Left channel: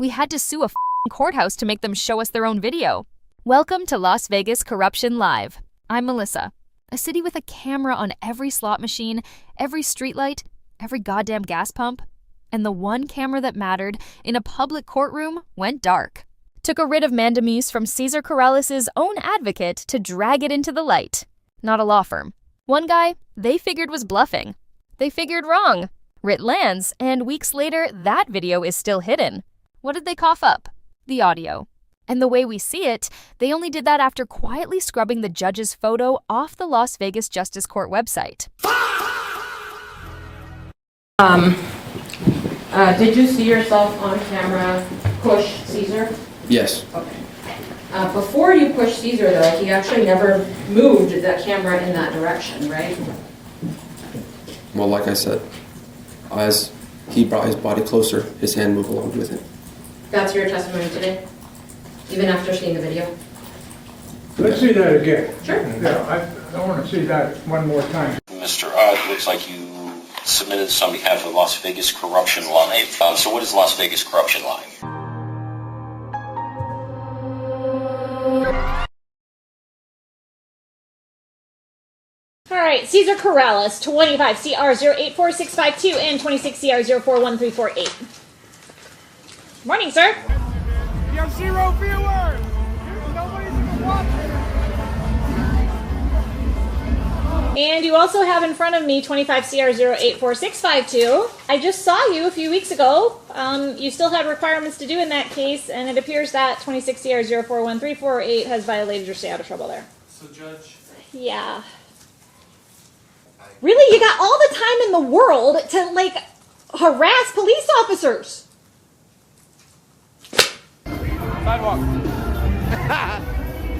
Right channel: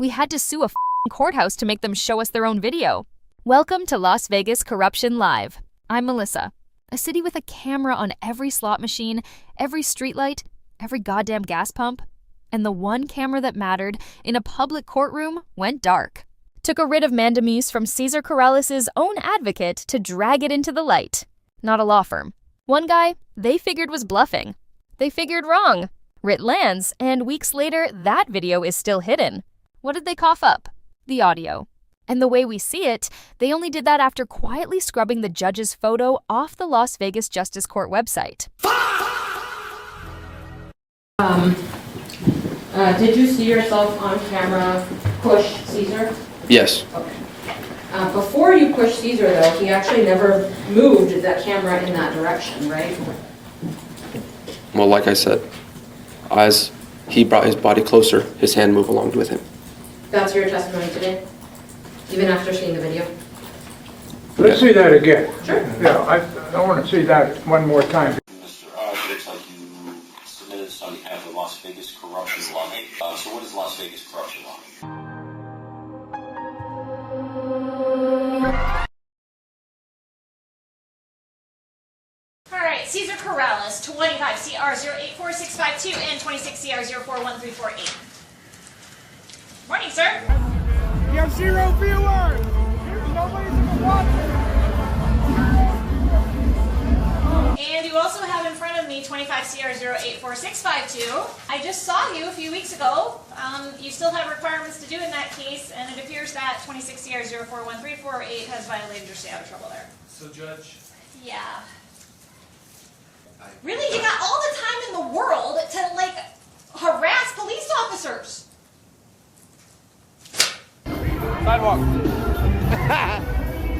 We had to sue a courthouse to make them show us their own video. Welcome to Las Vegas Corruption Live. I'm Melissa. A city with a camera on every slot machine, every streetlight, every goddamn gas pump. And the one camera that mattered in a public courtroom went dark. Took a writ of mandamus from Cesar Corrales' own advocate to drag it into the light. Not a law firm. One guy they figured was bluffing. They figured wrong. Writ lands, and weeks later, that video is still hidden. What did they cough up? The audio. And the way we see it, they only did that after quietly scrubbing the judge's photo off the Las Vegas Justice Court website. Did you see yourself on camera push Cesar? Yes. Okay. Before you pushed Cesar, though, he actually never moved that camera in that direction, right? Well, like I said, as he brought his body closer, his hand moved along with him. That's your testimony today? Even after seeing the video? Let's see that again. Sure. Yeah, I want to see that one more time. Mr. It looks like you submitted this on behalf of Las Vegas Corruption Live. So what is Las Vegas Corruption Live? All right, Cesar Corrales, 25 CR 084652 and 26 CR 041348. Morning, sir. You have 0 viewers. Nobody's even watching. And you also have in front of me 25 CR 084652. I just saw you a few weeks ago. You still had requirements to do in that case, and it appears that 26 CR 041348 has violated your stay out of trouble there. So, Judge? Yeah. Really? You got all the time in the world to, like, harass police officers. Sidewalk.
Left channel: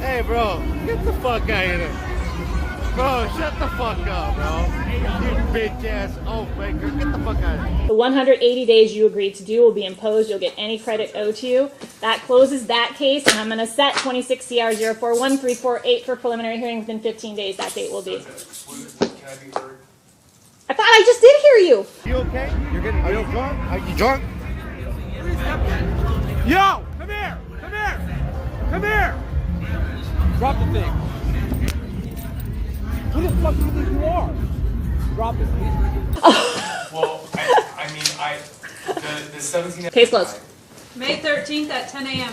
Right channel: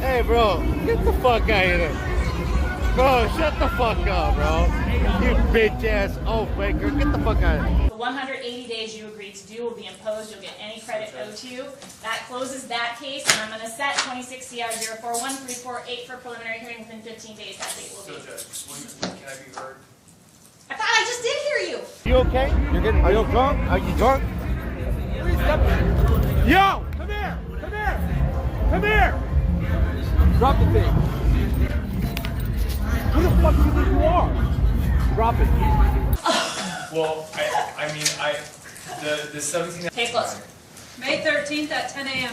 Hey, bro, get the fuck out of here. Bro, shut the fuck up, bro. You bitch ass oath breaker. Get the fuck out of here. The 180 days you agreed to do will be imposed. You'll get any credit owed to you. That closes that case, and I'm going to set 26 CR 041348 for preliminary hearing within 15 days. That date will be. Can I be heard? I thought I just did hear you. You okay? You're getting. Are you drunk? Are you drunk? Yo, come here. Come here. Come here. Drop the thing. Who the fuck do you think you are? Drop it. Well, I mean, the 17th... Case closed. May 13th at 10 a.m.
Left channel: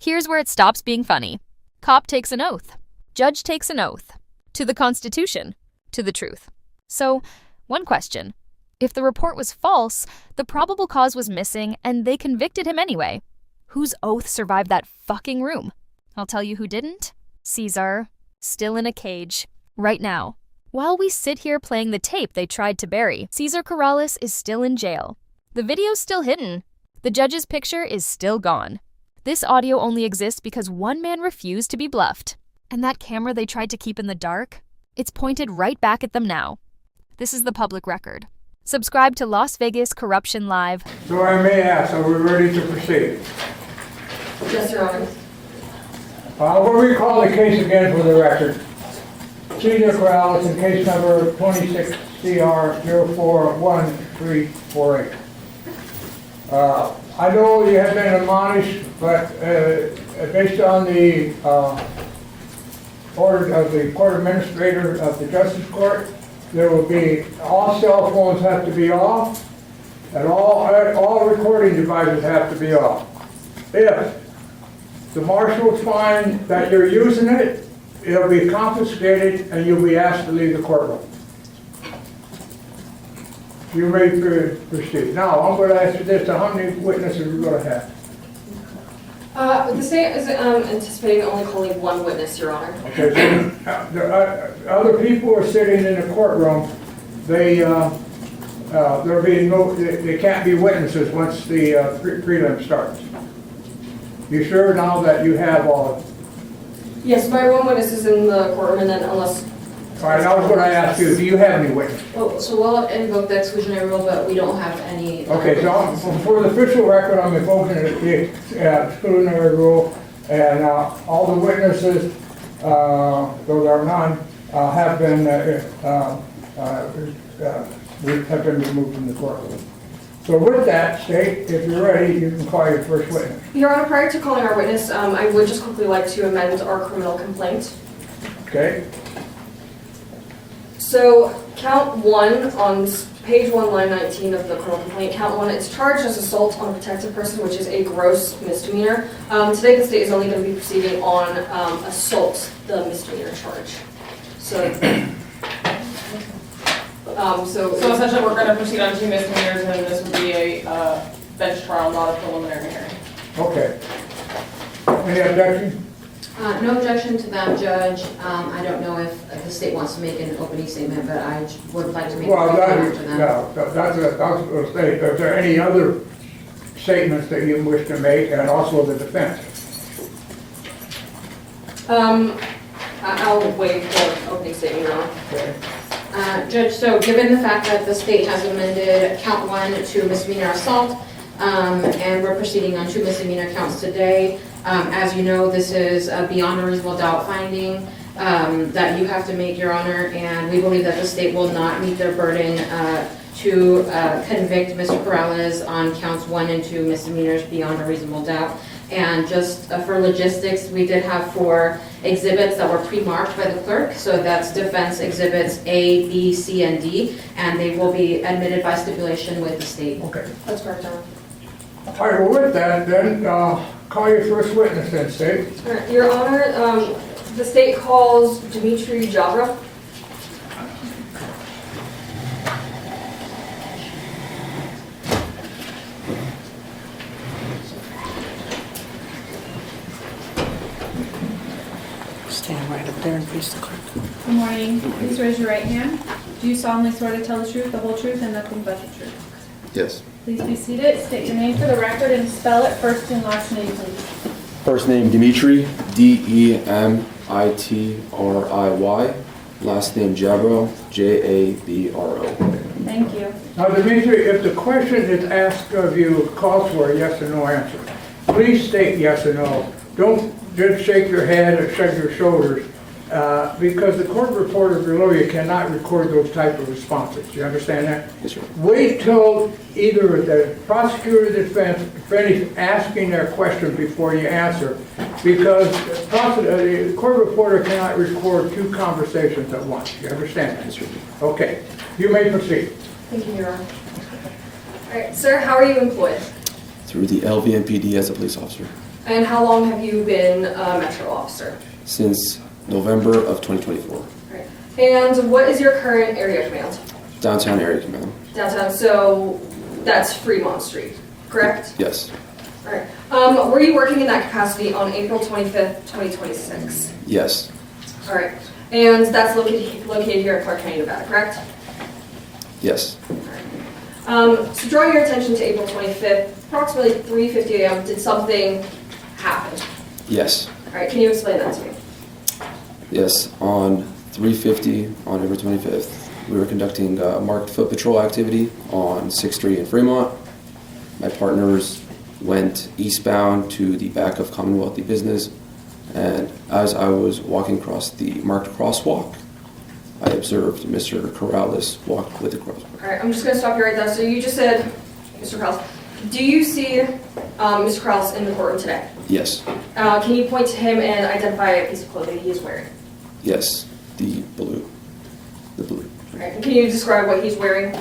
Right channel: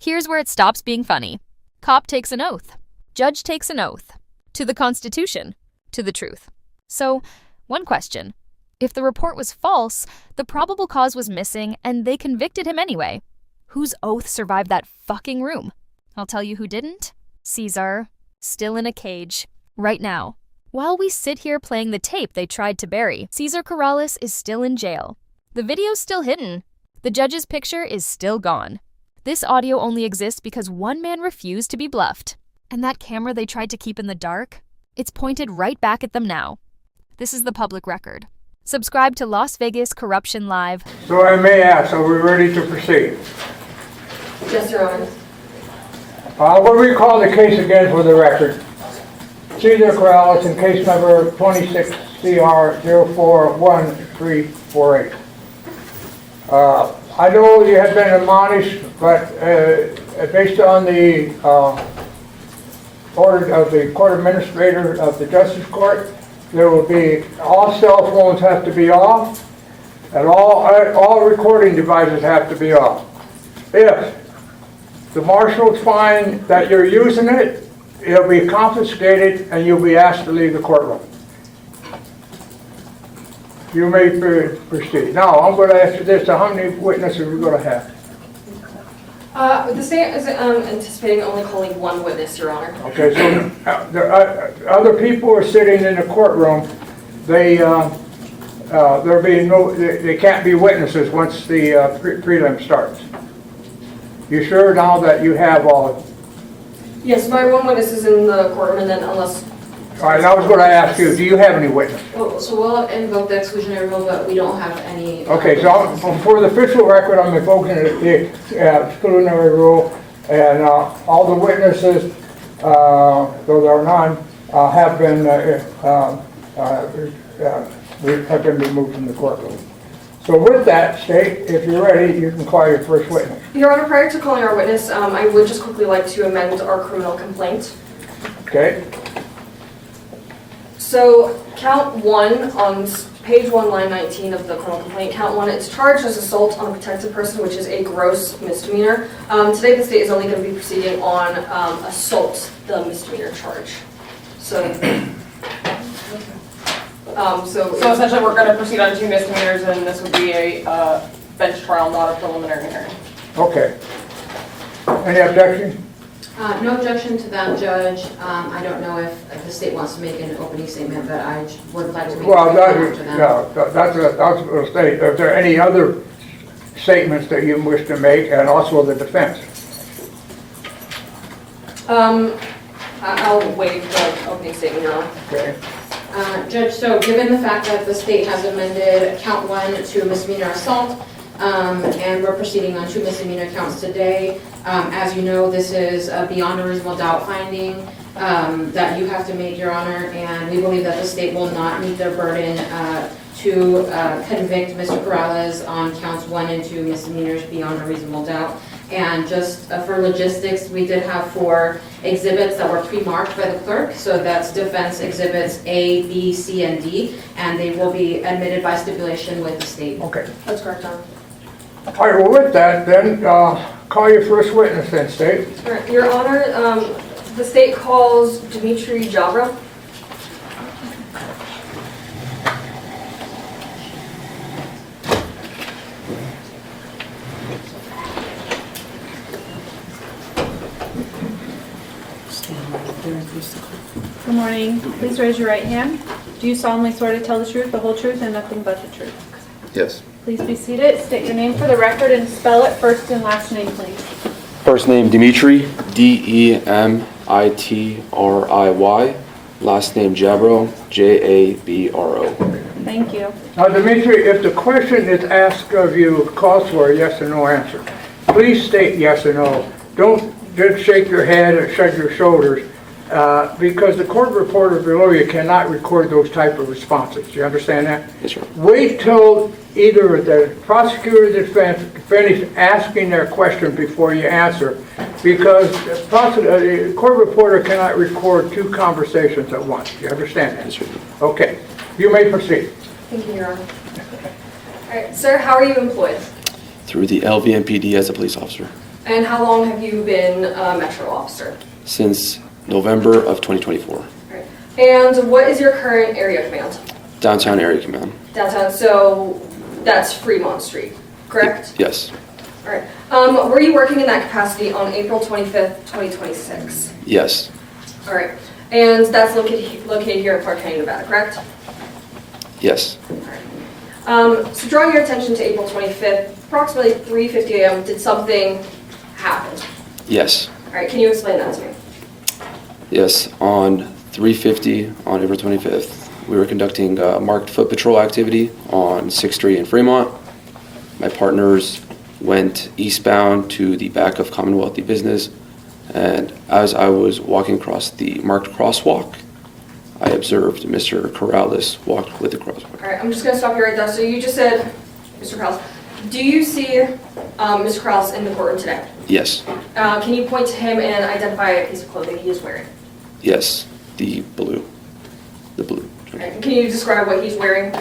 Here's where it stops being funny. Cop takes an oath. Judge takes an oath. To the Constitution. To the truth. So, one question. If the report was false, the probable cause was missing, and they convicted him anyway. Whose oath survived that fucking room? I'll tell you who didn't. Cesar. Still in a cage. Right now. While we sit here playing the tape they tried to bury, Cesar Corrales is still in jail. The video's still hidden. The judge's picture is still gone. This audio only exists because one man refused to be bluffed. And that camera they tried to keep in the dark? It's pointed right back at them now. This is the public record. Subscribe to Las Vegas Corruption Live. So I may ask, are we ready to proceed? Yes, Your Honor. What do we call the case again for the record? Cesar Corrales in case number 26 CR 041348. I know you have been admonished, but based on the order of the court administrator of the Justice Court, there will be, all cell phones have to be off, and all recording devices have to be off. If the marshals find that you're using it, it'll be confiscated and you'll be asked to leave the courtroom. You may proceed. Now, I'm going to ask you this, how many witnesses are we going to have? The state is anticipating only calling one witness, Your Honor. Okay, so other people are sitting in the courtroom. They can't be witnesses once the prelim starts. You sure now that you have all of them? Yes, my one witness is in the courtroom, and then unless... All right, I was going to ask you, do you have any witnesses? So we'll invoke the exclusionary rule, but we don't have any... Okay, so for the official record, I'm invoking the exclusionary rule, and all the witnesses, though there are none, have been have been removed from the courtroom. So with that, State, if you're ready, you can call your first witness. Your Honor, prior to calling our witness, I would just quickly like to amend our criminal complaint. Okay? So, count 1 on page 1, line 19 of the criminal complaint, count 1, it's charged as assault on a protected person, which is a gross misdemeanor. Today, the state is only going to be proceeding on assault, the misdemeanor charge. So So essentially, we're going to proceed on 2 misdemeanors, and this would be a bench trial, not a preliminary hearing. Okay. Any objections? no objection to that, Judge. I don't know if the state wants to make an opening statement, but I would like to make a Well, statement after them. that's the state. Are there any other statements that you wish to make, and also the defense? I'll waive the opening statement now. Okay. Judge, so given the fact that the state has amended count 1 to misdemeanor assault, and we're proceeding on 2 misdemeanor counts today, as you know, this is a beyond a reasonable doubt finding that you have to make, Your Honor, and we believe that the state will not meet their burden to convict Mr. Corrales on counts 1 and 2 misdemeanors beyond a reasonable doubt. And just for logistics, we did have 4 exhibits that were pre-marked by the clerk. So that's defense exhibits A, B, C, and D, and they will be admitted by stipulation with the state. Okay. That's correct, Your Honor. All right, well, with that, then, call your first witness then, State. All right, Your Honor, the state calls Demetry Jabro. Good morning. Please raise your right hand. Do you solemnly swear to tell the truth, the whole truth, and nothing but the truth? Yes. Please be seated. State your name for the record and spell it first and last name, please. First name Demetry, D-E-M-I-T-R-I-Y. Last name Jabro, J-A-B-R-O. Thank you. Now, Demetri, if the question is asked of you, calls for a yes or no answer, please state yes or no. Don't just shake your head or shrug your shoulders, because the court reporter below you cannot record those type of responses. You understand that? Yes, sir. Wait till either the prosecutor or the defense finish asking their question before you answer, because the court reporter cannot record 2 conversations at once. You understand that? Yes, sir. Okay. You may proceed. Thank you, Your Honor. All right, sir, how are you employed? Through the LVMPD as a police officer. And how long have you been a Metro officer? Since November of 2024. All right. And what is your current area command? Downtown Area Command. Downtown, so that's Fremont Street, correct? Yes. All right. Were you working in that capacity on April 25th, 2026? Yes. All right. And that's located here in Clark County, Nevada, correct? Yes. So drawing your attention to April 25th, approximately 3:50 a.m., did something happen? Yes. All right, can you explain that to me? Yes. On 3:50 on April 25th, we were conducting marked foot patrol activity on 6th Street in Fremont. My partners went eastbound to the back of Commonwealthy Business, and as I was walking across the marked crosswalk, I observed Mr. Corrales walk with the crosswalk. All right, I'm just going to stop you right there. So you just said, Mr. Corrales, do you see Mr. Corrales in the courtroom today? Yes. Can you point to him and identify a piece of clothing he is wearing? Yes. The blue. The blue. All right, can you describe what he's wearing,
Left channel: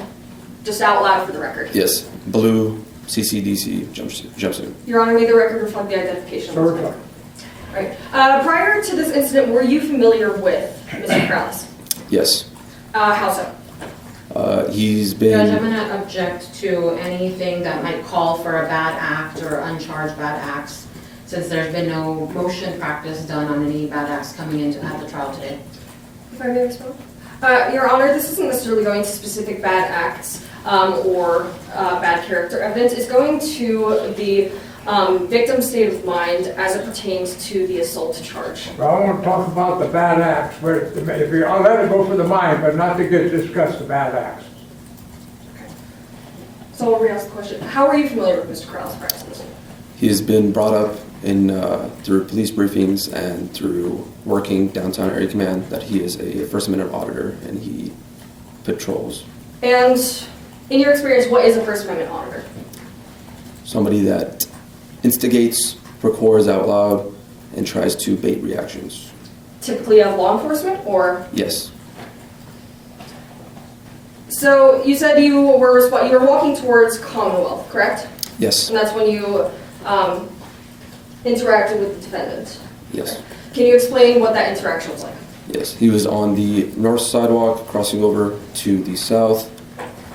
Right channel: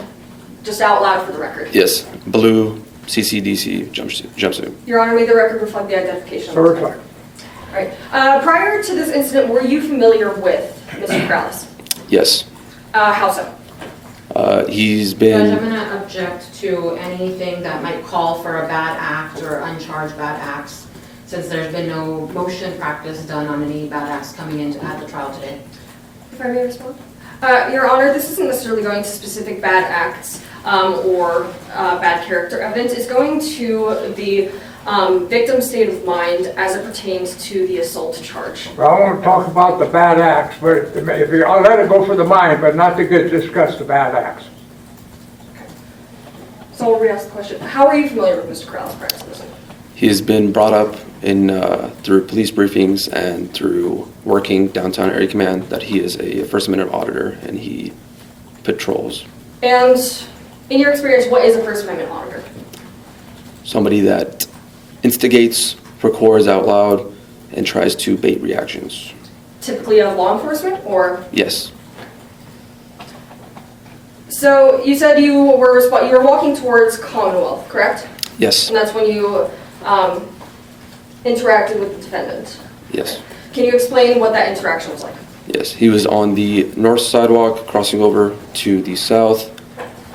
just out loud for the record? Yes. Blue CCDC jumpsuit. Your Honor, may the record reflect the identification. Certified. All right. Prior to this incident, were you familiar with Mr. Corrales? Yes. How so? He's been... Judge, I'm going to object to anything that might call for a bad act or uncharged bad acts, since there's been no motion practice done on any bad acts coming into at the trial today. If I may respond? Your Honor, this isn't necessarily going to specific bad acts or bad character evidence. It's going to the victim's state of mind as it pertains to the assault charge. Well, I want to talk about the bad acts, but I'll let it go for the mind, but not to discuss the bad acts. Okay. So I'll re-ask the question. How are you familiar with Mr. Corrales prior to this? He has been brought up in through police briefings and through working downtown area command that he is a First Amendment auditor and he patrols And in your experience, what is a First Amendment auditor? Somebody that instigates, records out loud, and tries to bait reactions. Typically of law enforcement, or? Yes. So you said you were walking towards Commonwealth, correct? Yes. And that's when you interacted with the defendant. Yes. Can you explain what that interaction was like? Yes. He was on the north sidewalk, crossing over to the south.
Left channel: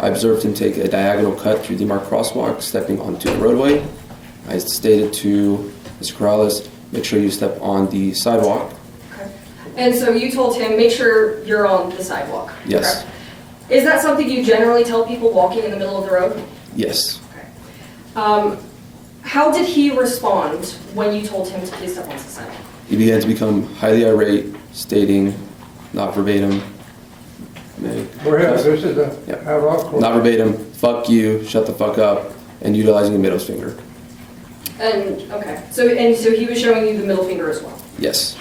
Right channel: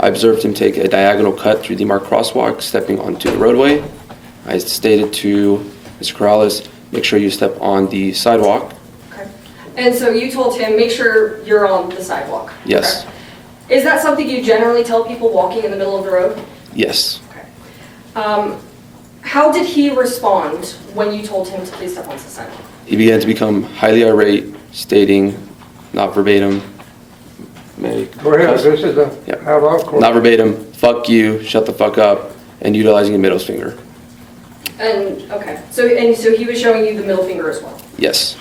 I observed him take a diagonal cut through the marked crosswalk, stepping onto the roadway. I stated to Mr. Corrales, make sure you step on the sidewalk. Okay. And so you told him, make sure you're on the sidewalk. Yes. Correct? Is that something you generally tell people walking in the middle of the road? Yes. Okay. How did he respond when you told him to please step on the sidewalk? He began to become highly irate, stating, not verbatim, Go ahead, this is a, Yeah. court. not verbatim, fuck you, shut the fuck up, and utilizing a middle finger. And, okay, so he was showing you the middle finger as well? Yes.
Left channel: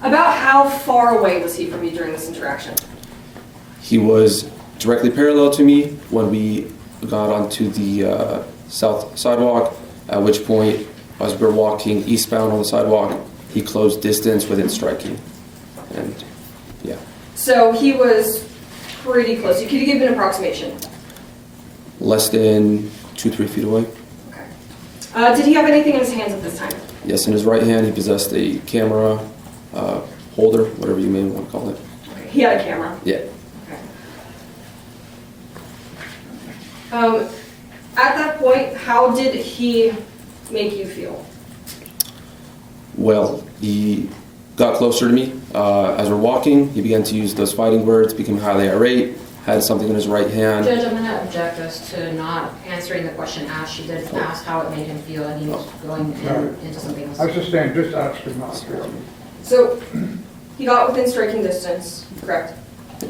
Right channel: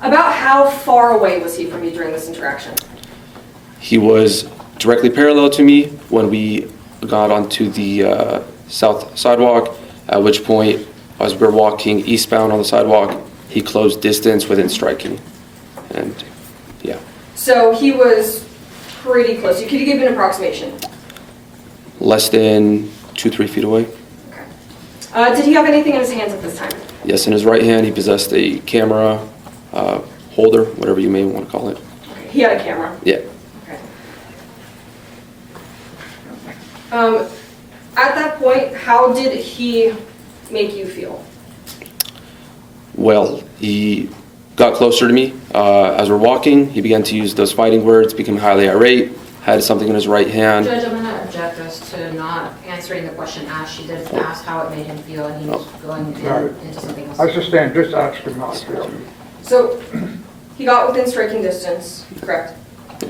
About how far away was he from you during this interaction? He was directly parallel to me when we got onto the south sidewalk, at which point, as we were walking eastbound on the sidewalk, he closed distance within striking. And, yeah. So he was pretty close. Could you give an approximation? Less than 2-3 feet away. Okay. Did he have anything in his hands at this time? Yes, in his right hand, he possessed a camera holder, whatever you may want to call it. Okay. He had a camera? Yeah. Okay. At that point, how did he make you feel? Well, he got closer to me. As we're walking, he began to use those fighting words, became highly irate, had something in his right hand. Judge, I'm going to object as to not answering the question asked. She did ask how it made him feel, and he was going into something else. I suspend, just ask him not to. So, he got within striking distance, correct?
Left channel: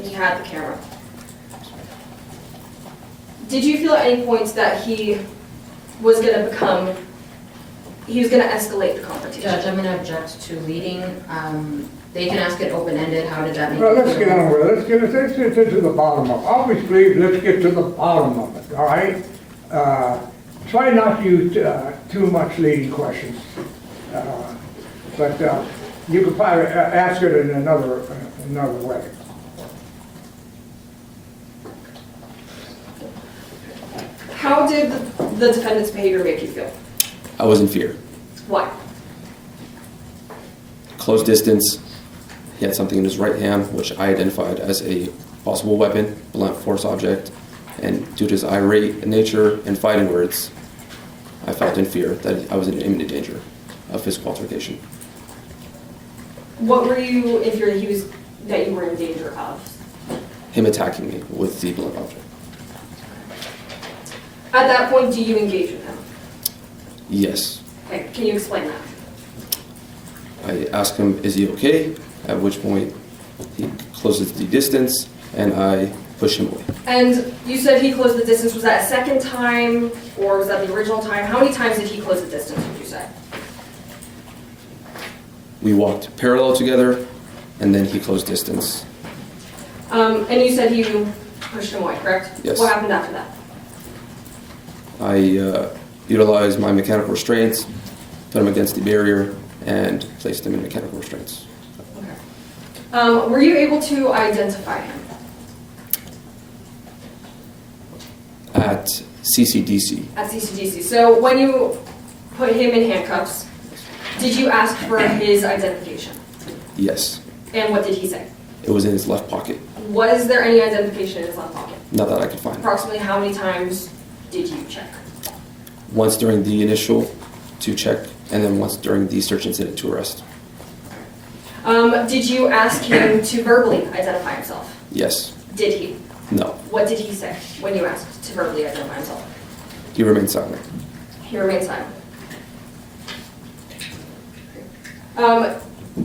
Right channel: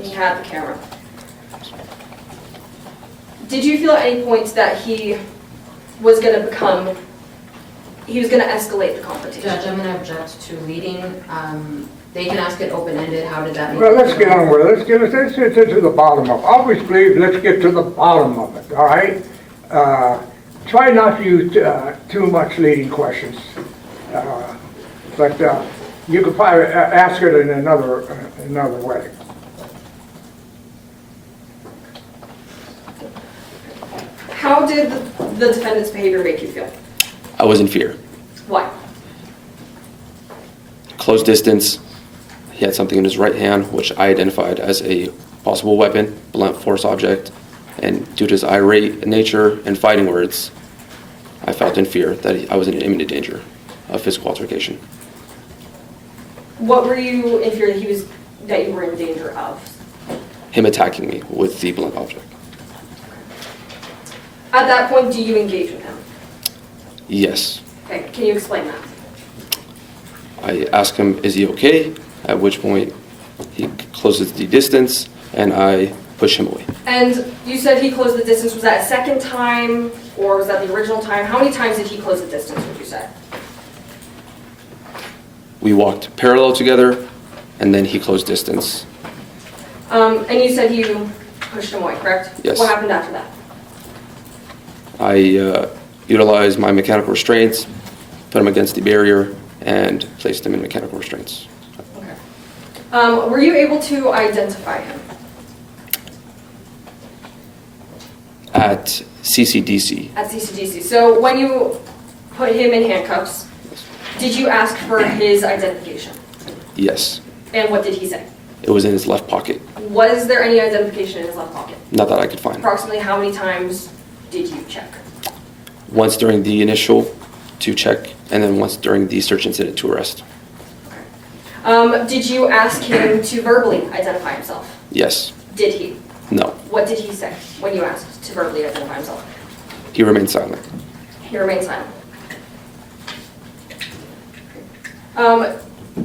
He had the camera. Did you feel at any point that he was going to escalate the confrontation? Judge, I'm going to object to leading. They can ask it open-ended. How did that make Well, you let's feel? get on with it. Let's get to the bottom of it. Obviously, let's get to the bottom of it, all right? Try not to use too much leading questions. But you could probably ask it in another way. How did the defendant's behavior make you feel? I was in fear. Why? Close distance. He had something in his right hand, which I identified as a possible weapon, blunt force object. And due to his irate nature and fighting words, I felt in fear that I was in imminent danger of physical altercation. What were you in fear that you were in danger of? Him attacking me with the blunt object. At that point, do you engage with him? Yes. Okay, can you explain that? I ask him, is he okay? At which point he closes the distance and I push him away. And you said he closed the distance. Was that a second time or was that the original time? How many times did he close the distance, would you say? We walked parallel together and then he closed distance. And you said you pushed him away, correct? Yes. What happened after that? I utilized my mechanical restraints, put him against the barrier, and placed him in mechanical restraints. Okay. Were you able to identify him? At CCDC, At CCDC. So when you put him in handcuffs, did you ask for his identification? yes. And what did he say? It was in his left pocket. Was there any identification in his left pocket? Not that I could find. Approximately how many times did you check? Once during the initial to check, and then once during the search incident to arrest. Did you ask him to verbally identify himself? Yes. Did he? No. What did he say when you asked to verbally identify himself? He remained silent. He remained silent.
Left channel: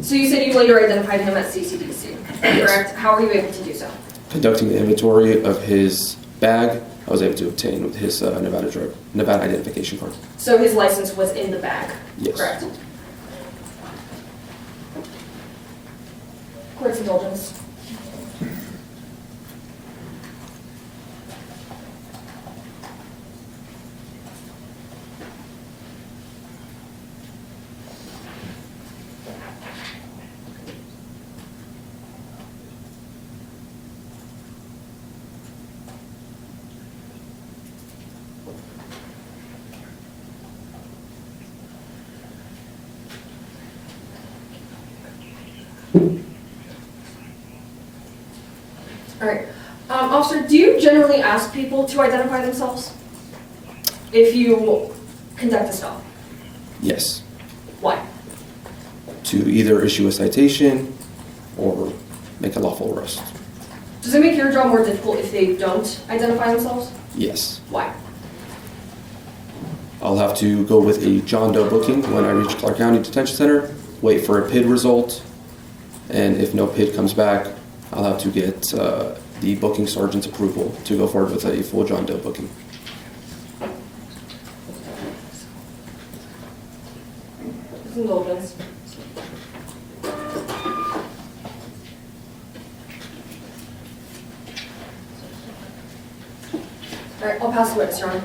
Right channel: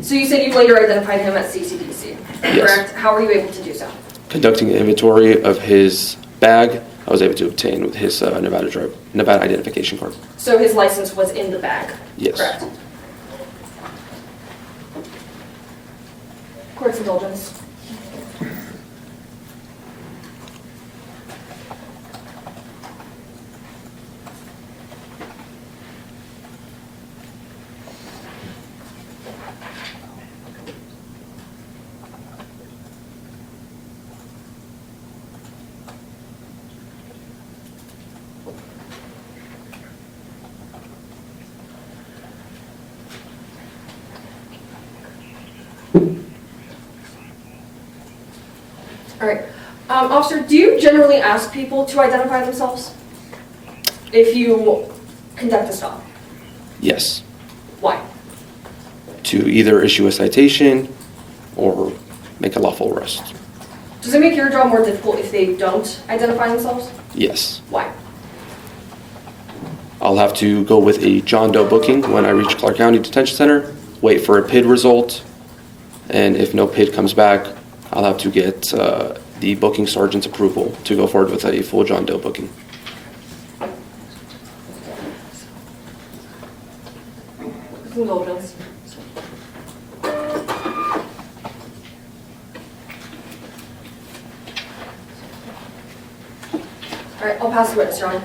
So you said you later identified him at CCDC, correct? How were you able to do so? Conducting an inventory of his bag, I was able to obtain with his Nevada identification card. So his license was in the bag, Yes. correct? Court's indulgence. All right. Officer, do you generally ask people to identify themselves if you conduct a stop? Yes. Why? To either issue a citation or make a lawful arrest. Does it make your job more difficult if they don't identify themselves? Yes. Why? I'll have to go with a John Doe booking when I reach Clark County Detention Center, wait for a PID result, and if no PID comes back, I'll have to get the booking sergeant's approval to go forward with a full John Doe booking. With indulgence. All right, I'll pass the witness, Your Honor.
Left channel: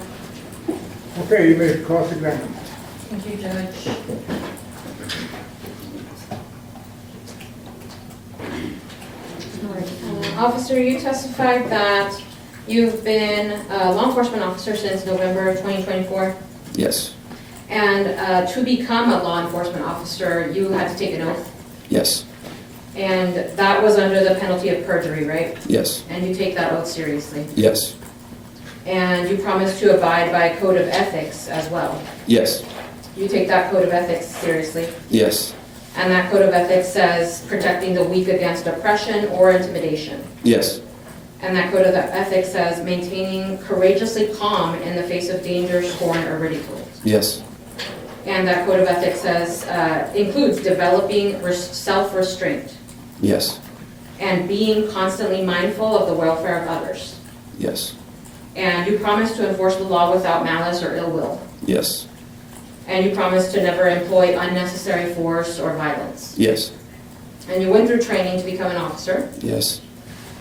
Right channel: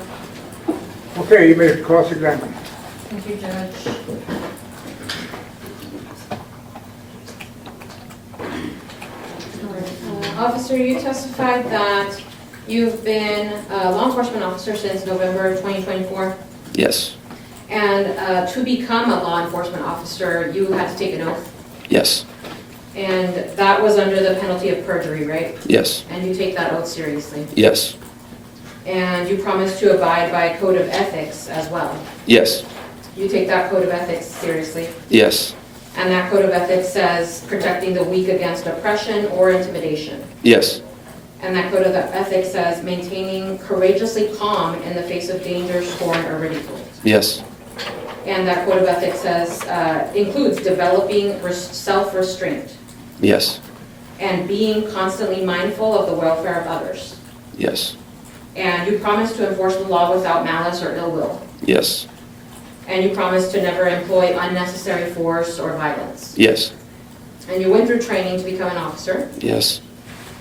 Okay, you may cross-examine. Thank you, Judge. Officer, you testified that you've been a law enforcement officer since November 2024, Yes. and to become a law enforcement officer, you had to take an oath, Yes. and that was under the penalty of perjury, right? Yes. And you take that oath seriously. Yes. And you promise to abide by a code of ethics as well. Yes. You take that code of ethics seriously. Yes. And that code of ethics says protecting the weak against oppression or intimidation. Yes. And that code of ethics says maintaining courageously calm in the face of danger, scorn, or ridicule. Yes. And that code of ethics says, includes developing self-restraint Yes. and being constantly mindful of the welfare of others. Yes. And you promise to enforce the law without malice or ill will. Yes. And you promise to never employ unnecessary force or violence. Yes. And you went through training to become an officer. Yes.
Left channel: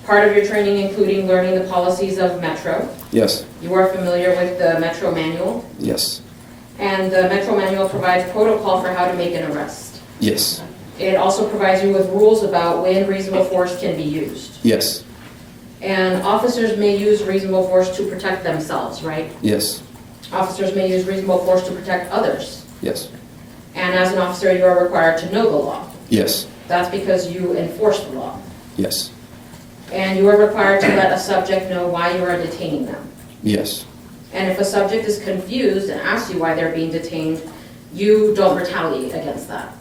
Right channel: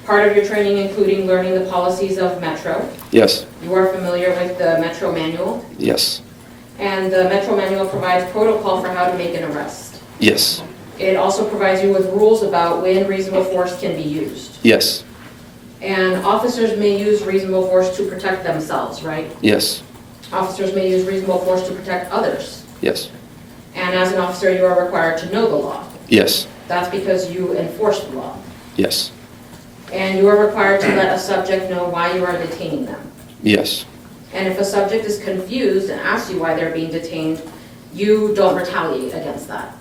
Part of your training including learning the policies of Metro. Yes. You are familiar with the Metro Manual. Yes. And the Metro Manual provides protocol for how to make an arrest. Yes. It also provides you with rules about when reasonable force can be used. Yes. And officers may use reasonable force to protect themselves, right? Yes. Officers may use reasonable force to protect others. Yes. And as an officer, you are required to know the law. Yes. That's because you enforce the law. Yes. And you are required to let a subject know why you are detaining them. Yes. And if a subject is confused and asks you why they're being detained, you don't retaliate against that.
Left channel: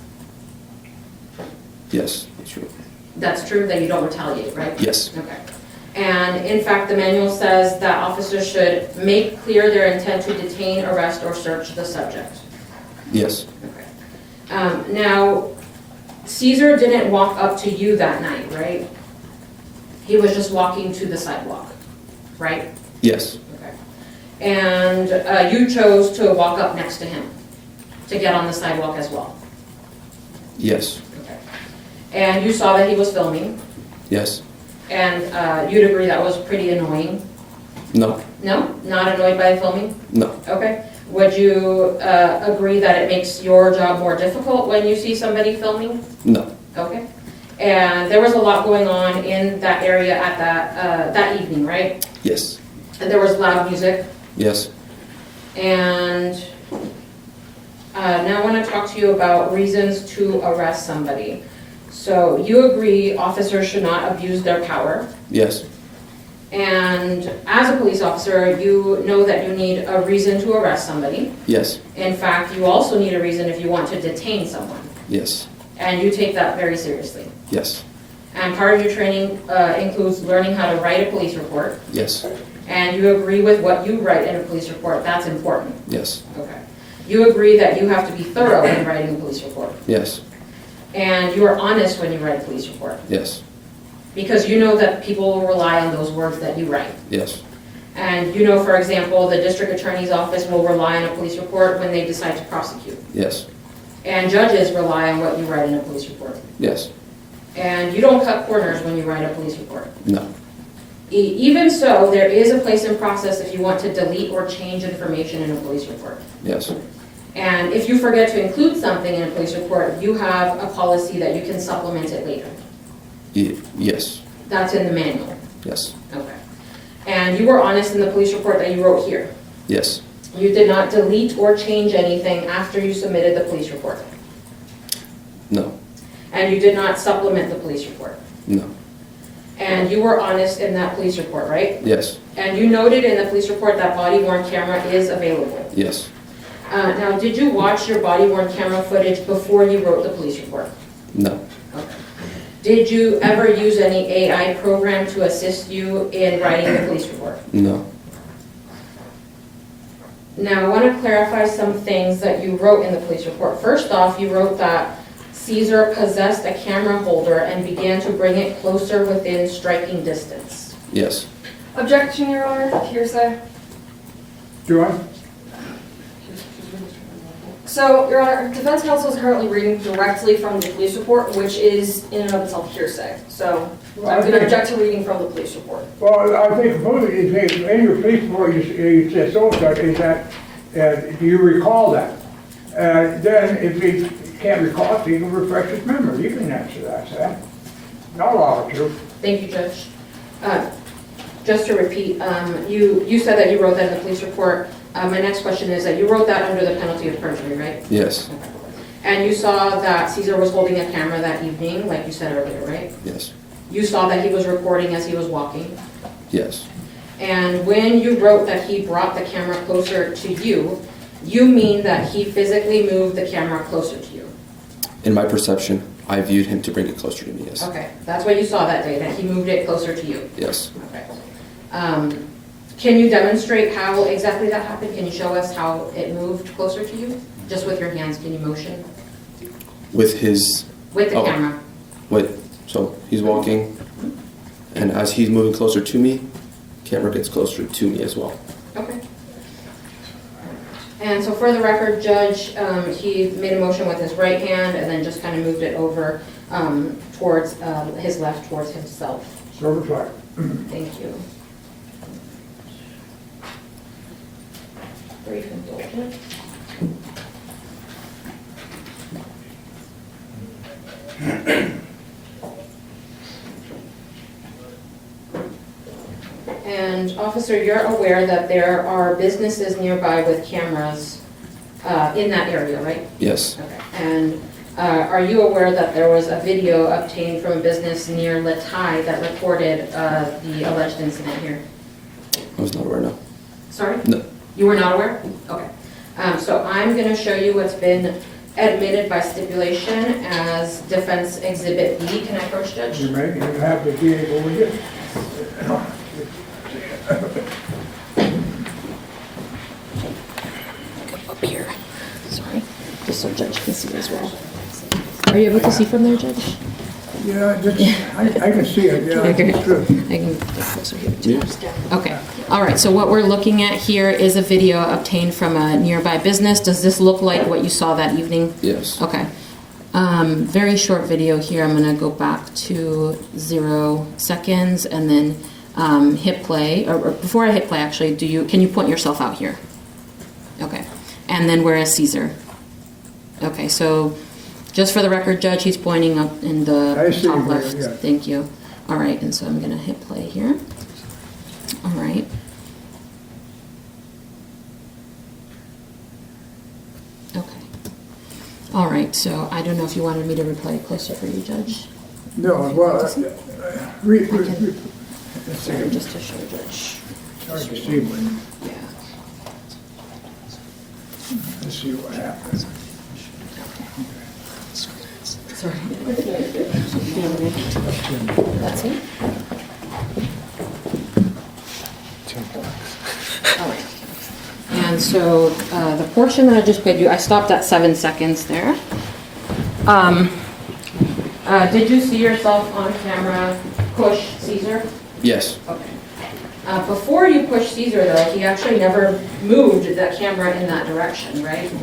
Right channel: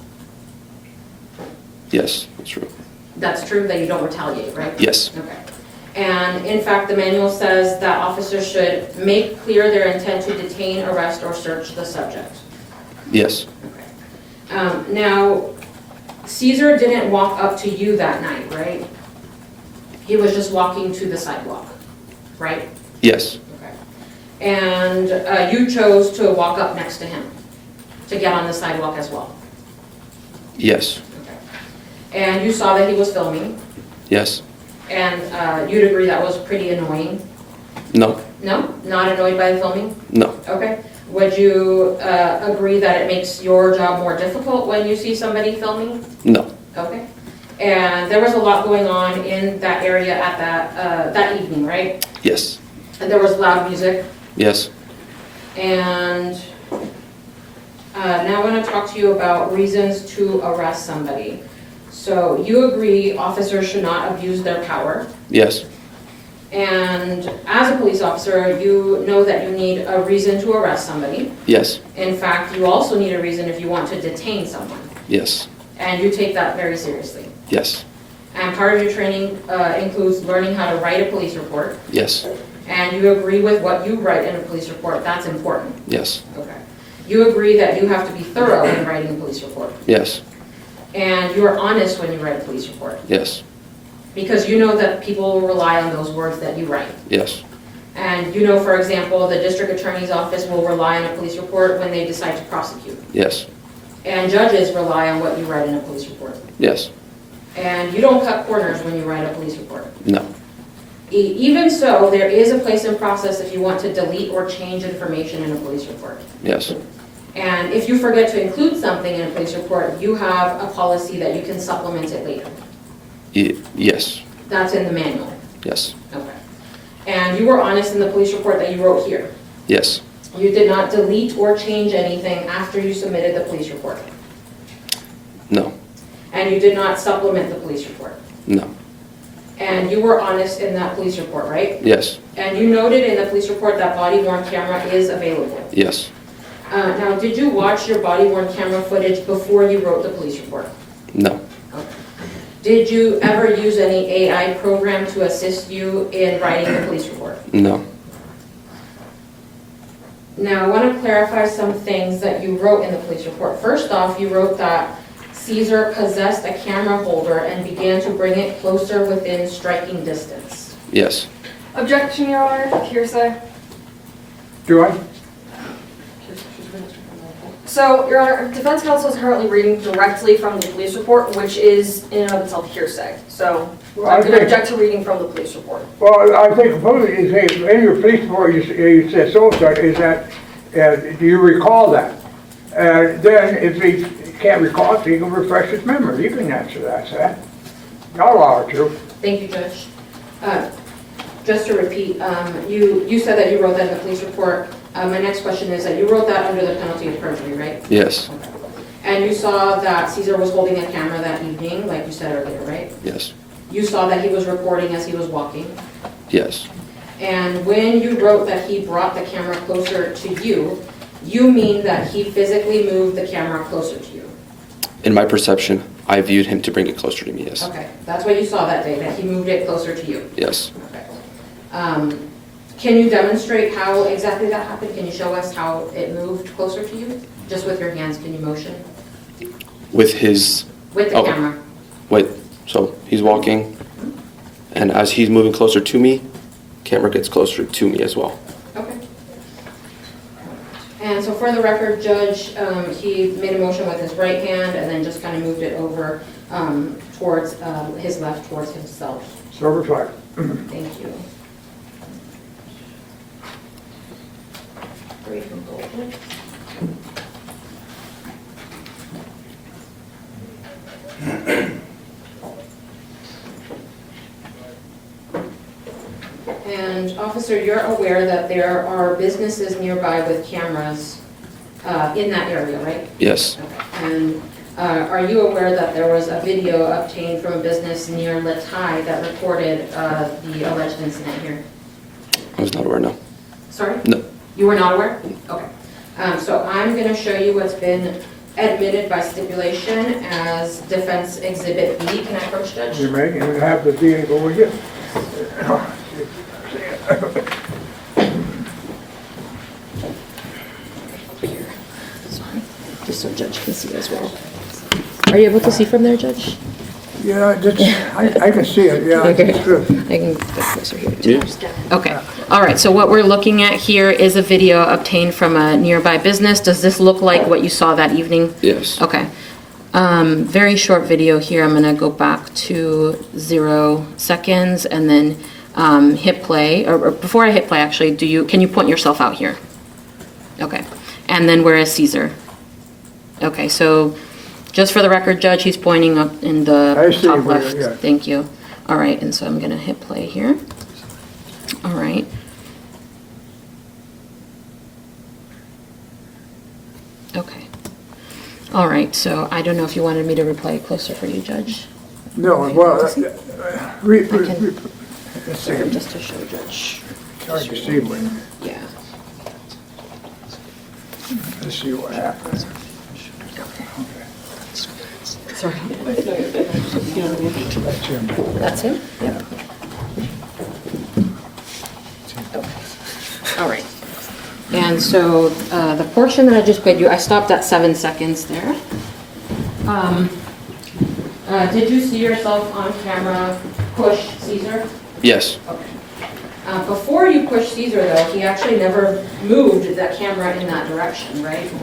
Yes. That's true. That's true that you don't retaliate, right? Yes. Okay. And in fact, the manual says that officers should make clear their intent to detain, arrest, or search the subject. Yes. Okay. Now, Cesar didn't walk up to you that night, right? He was just walking to the sidewalk, right? Yes. Okay. And you chose to walk up next to him, to get on the sidewalk as well. Yes. Okay. And you saw that he was filming, Yes. and you'd agree that was pretty annoying? No. No? Not annoyed by the filming? No. Okay. Would you agree that it makes your job more difficult when you see somebody filming? No. Okay. And there was a lot going on in that area at that evening, right? Yes. And there was loud music. Yes. And now I want to talk to you about reasons to arrest somebody. So you agree officers should not abuse their power. Yes. And as a police officer, you know that you need a reason to arrest somebody. Yes. In fact, you also need a reason if you want to detain someone. Yes. And you take that very seriously. Yes. And part of your training includes learning how to write a police report. Yes. And you agree with what you write in a police report. That's important. Yes. Okay. You agree that you have to be thorough in writing a police report. Yes. And you are honest when you write a police report. Yes. Because you know that people will rely on those words that you write. Yes. And you know, for example, the district attorney's office will rely on a police report when they decide to prosecute. Yes. And judges rely on what you write in a police report. Yes. And you don't cut corners when you write a police report. No. Even so, there is a place and process if you want to delete or change information in a police report. Yes. And if you forget to include something in a police report, you have a policy that you can supplement it later. Yes. That's in the manual. Yes. Okay. And you were honest in the police report that you wrote here. Yes. You did not delete or change anything after you submitted the police report. No. And you did not supplement the police report. No. And you were honest in that police report, right? Yes. And you noted in the police report that body-worn camera is available. Yes. Now, did you watch your body-worn camera footage before you wrote the police report? No. Okay. Did you ever use any AI program to assist you in writing the police report? No. Now, I want to clarify some things that you wrote in the police report. First off, you wrote that Cesar possessed a camera holder and began to bring it closer within striking distance. Yes. Objection, Your Honor, hearsay. Do I? So, Your Honor, defense counsel is currently reading directly from the police report, which is in and of itself hearsay. So, I'm going to object to reading from the police report. Well, I think supposedly you say, in your police report, you said so-and-so, is that, do you recall that? Then, if he can't recall it, he can refresh his memory. You can answer that, Seth. Not allow her to. Thank you, Judge. Just to repeat, you said that you wrote that in the police report. My next question is that you wrote that under the penalty of perjury, right? Yes. Okay. And you saw that Cesar was holding a camera that evening, like you said earlier, right? Yes. You saw that he was recording as he was walking. Yes. And when you wrote that he brought the camera closer to you, you mean that he physically moved the camera closer to you? In my perception, I viewed him to bring it closer to me, yes. Okay, that's what you saw that day, that he moved it closer to you? Yes. Okay. Can you demonstrate how exactly that happened? Can you show us how it moved closer to you? Just with your hands, can you motion? With his... With the camera. Wait, so he's walking, and as he's moving closer to me, camera gets closer to me as well. Okay. And so for the record, Judge, he made a motion with his right hand and then just kind of moved it over towards his left, towards himself. So reflect. Thank you. Brief and bold. And officer, you're aware that there are businesses nearby with cameras in that area, right? Yes. Okay. And are you aware that there was a video obtained from a business near Latai that recorded the alleged incident here? I was not aware, no. Sorry? No. You were not aware? Okay. So I'm going to show you what's been admitted by stipulation as Defense Exhibit B. Can I approach, Judge? You may, and have the DA go with you. Up here. Sorry. Just so Judge can see as well. Are you able to see from there, Judge? Yeah, I can see it, yeah. Okay. It's good. I can get closer here too. Okay. All right. So what we're looking at here is a video obtained from a nearby business. Does this look like what you saw that evening? Yes. Okay. Very short video here. I'm going to go back to 0 seconds and then hit play. Or before I hit play, actually, can you point yourself out here? Okay. And then where is Cesar? Okay. So just for the record, Judge, he's pointing up in the top left. Yeah. Thank you. All right. And so I'm going to hit play here. All right. Okay. All right, so I don't know if you wanted me to replay closer for you, Judge. No, well, I can. Sorry, just to show Judge. I can see what, Yeah. let's see what happens. Sorry. That's it? All right. And so the portion that I just played you, I stopped at 7 seconds there. Did you see yourself on camera push Cesar? Yes. Okay. Before you pushed Cesar, though, he actually never moved the camera in that direction, right?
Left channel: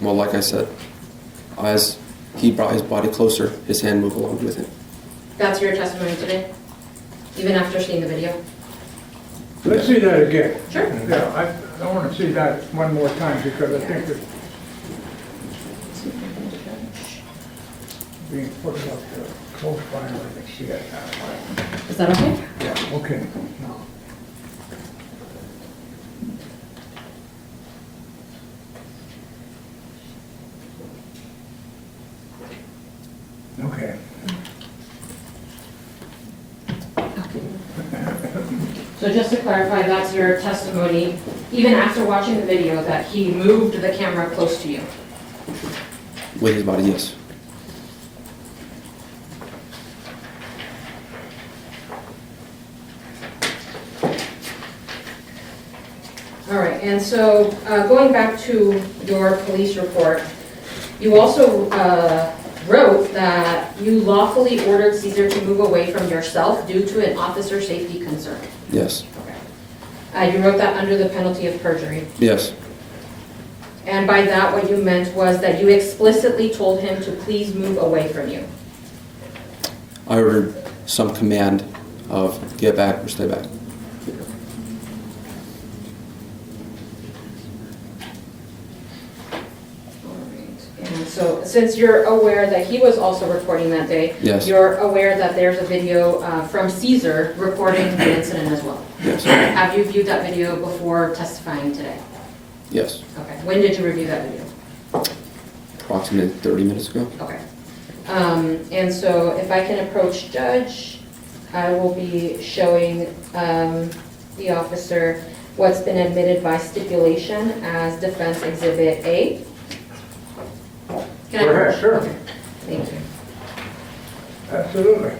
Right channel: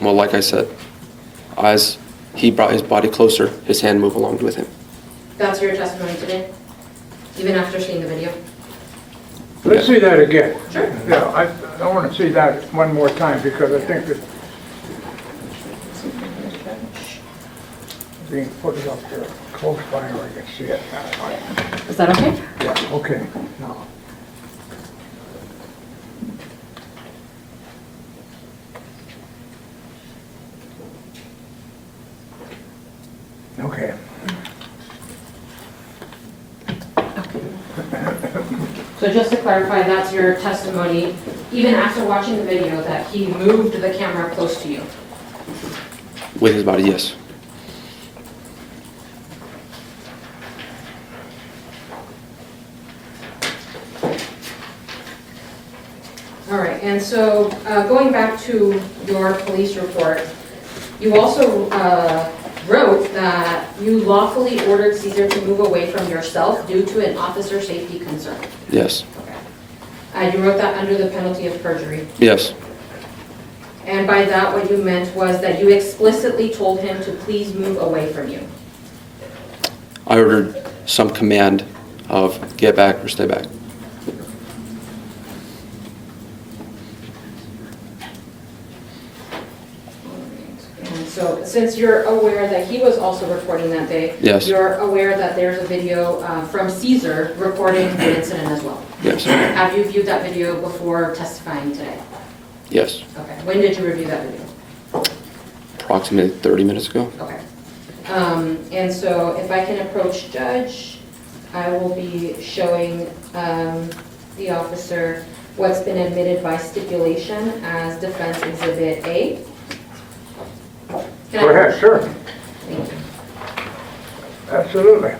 Well, like I said, as he brought his body closer, his hand moved along with him. That's your testimony today? Even after seeing the video? Let's see that again. Sure. Yeah, I want to see that one more time because I think it's being put up here close by where I can see it. Is that okay? Yeah, okay. Okay. So just to clarify, that's your testimony, even after watching the video, that he moved the camera close to you? With his body, yes. All right, and so going back to your police report, you also wrote that you lawfully ordered Cesar to move away from yourself due to an officer safety concern. Yes. Okay. You wrote that under the penalty of perjury. Yes. And by that, what you meant was that you explicitly told him to please move away from you. I ordered some command of get back or stay back. And so since you're aware that he was also recording that day, Yes. you're aware that there's a video from Cesar recording the incident as well. Yes. Have you viewed that video before testifying today? Yes. Okay. When did you review that video? Approximately 30 minutes ago. Okay. And so if I can approach Judge, I will be showing the officer what's been admitted by stipulation as Defense Exhibit A. Can I Go ahead, approach? sure. Okay. Thank you. Absolutely.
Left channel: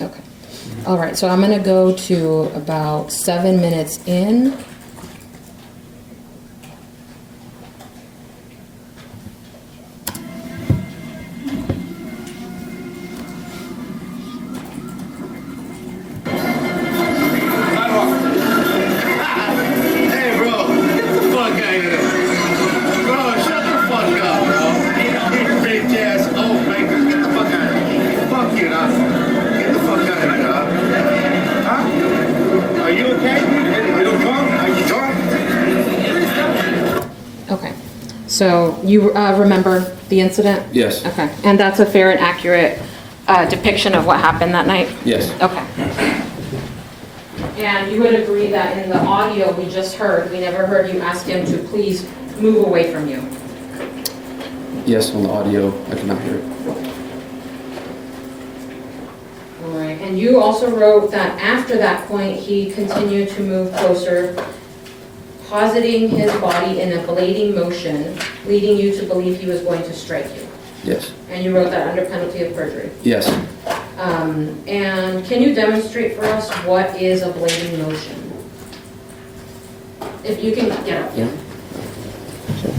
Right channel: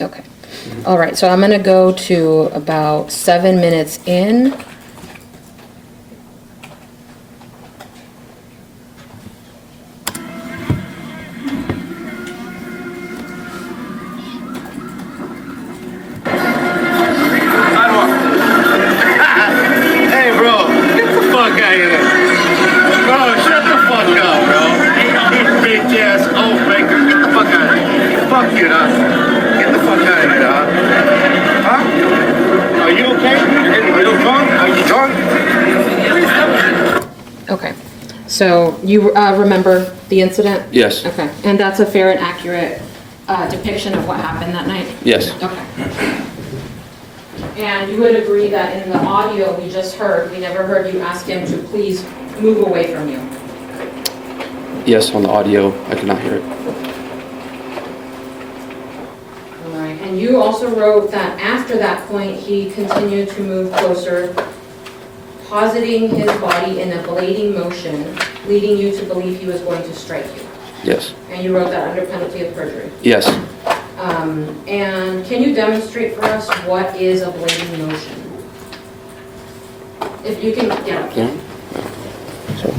Okay. All right, so I'm going to go to about 7 minutes in. Hey, bro, get the fuck out of here. Bro, shut the fuck up, bro. You bitch ass old breaker. Get the fuck out of here. Fuck you, dog. Get the fuck out of here, dog. Huh? Are you okay? Are you drunk? Are you drunk? Okay. So you remember the incident? Yes. Okay. And that's a fair and accurate depiction of what happened that night? Yes. Okay. And you would agree that in the audio we just heard, we never heard you ask him to please move away from you? Yes, on the audio, I could not hear it. All right. And you also wrote that after that point, he continued to move closer, positing his body in a blading motion, leading you to believe he was going to strike you. Yes. And you wrote that under penalty of perjury. Yes. And can you demonstrate for us what is a blading motion? If you can get up. Yeah. So,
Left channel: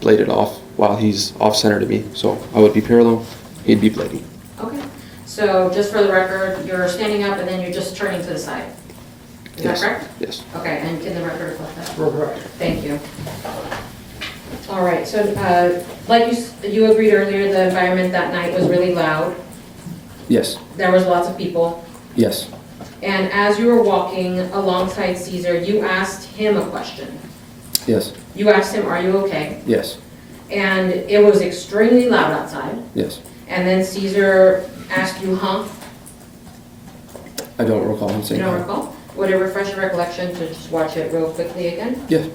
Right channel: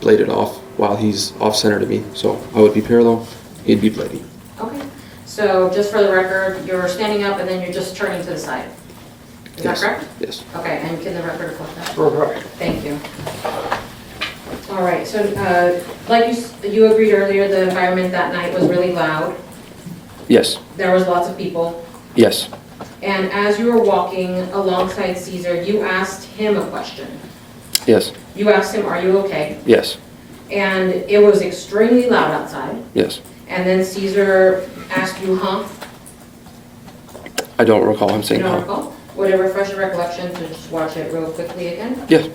bladed off while he's off-center to me. So I would be parallel, he'd be blading. Okay. So just for the record, you're standing up and then you're just turning to the side. Is Yes. that correct? Yes. Okay, and can the record reflect that? Correct. Thank you. All right, so like you agreed earlier, the environment that night was really loud. Yes. There was lots of people. Yes. And as you were walking alongside Cesar, you asked him a question. Yes. You asked him, "Are you okay?" Yes. And it was extremely loud outside. Yes. And then Cesar asked you, "Huh?" I don't recall him You saying don't that. recall? Would it refresh your recollection to just watch it real quickly again? Yes.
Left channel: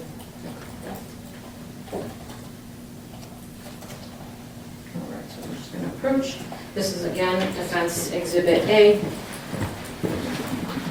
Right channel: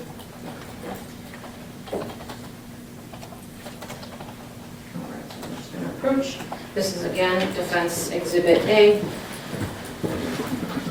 All right, so I'm just going to approach. This is again Defense Exhibit A.